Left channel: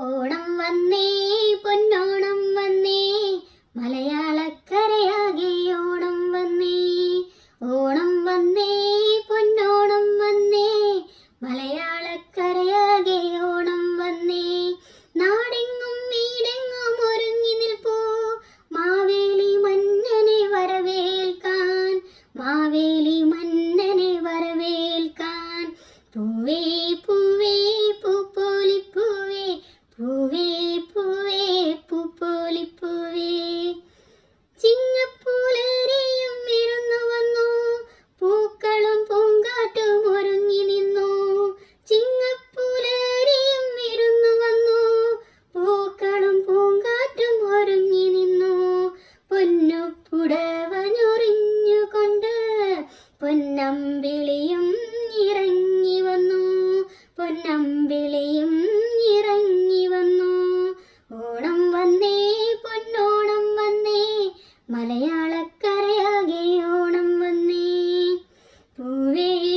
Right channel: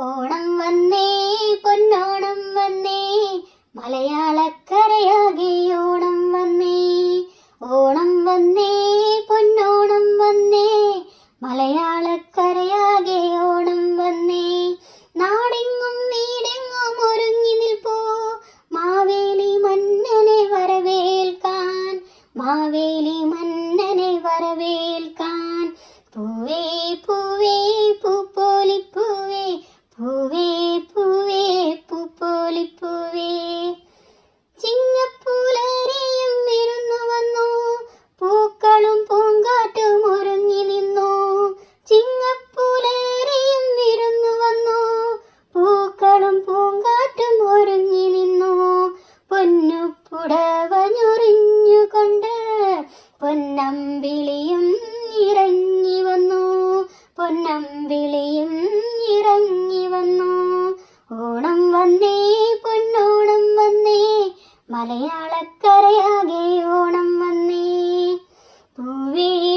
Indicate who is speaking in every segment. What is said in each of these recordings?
Speaker 1: ഓണം വന്നേ പൊന്നോണം വന്നേ മലയാളക്കരയാകെ ഓണം വന്നേ. ഓണം വന്നേ പൊന്നോണം വന്നേ മലയാളക്കരയാകെ ഓണം വന്നേ. നാടെങ്ങും വീടെങ്ങും ഒരുങ്ങി നിൽപ്പൂ മാവേലി മന്നനെ വരവേൽക്കാൻ മാവേലി മന്നനെ വരവേൽക്കാൻ. പൂവേ പൂവേ പൊന്നമ്പിളിയും ഇറങ്ങി വന്നു. പൊന്നമ്പിളിയും ഇറങ്ങി വന്നു. ഓണം വന്നേ പൊന്നോണം വന്നേ. മലയാളക്കരയാകെ ഓണം വന്നേ. പൂവേ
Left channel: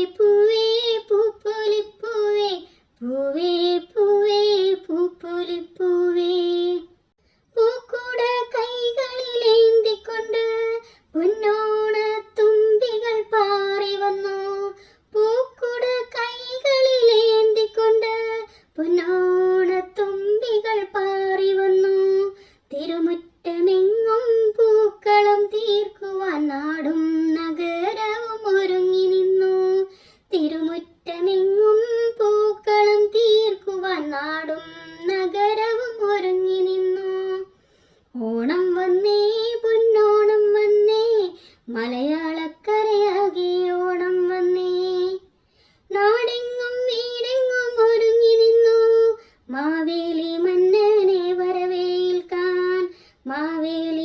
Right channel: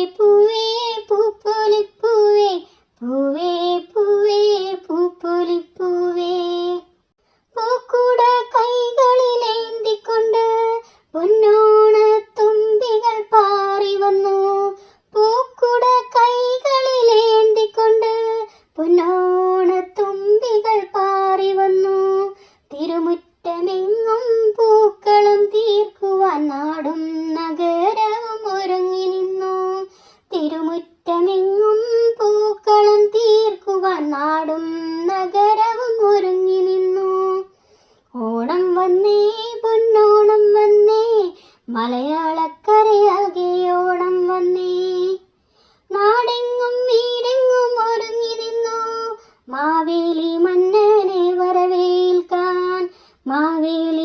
Speaker 1: വന്നു. പൂക്കുട കൈകളിലേന്തിക്കൊണ്ട് പൊന്നോണ തുമ്പികൾ പാറി വന്നു. തിരുമുറ്റമെങ്ങും പൂക്കളും തീർക്കുവാൻ നാടും നഗരവും ഒരുങ്ങി നിന്നു. തിരുമുറ്റമെങ്ങും പൂക്കളും തീർക്കുവാൻ നാടും നഗരവും ഒരുങ്ങി നിന്നു. ഓണം വന്നേ പൊന്നോണം വന്നേ മലയാളക്കരയാകെ മാവേലി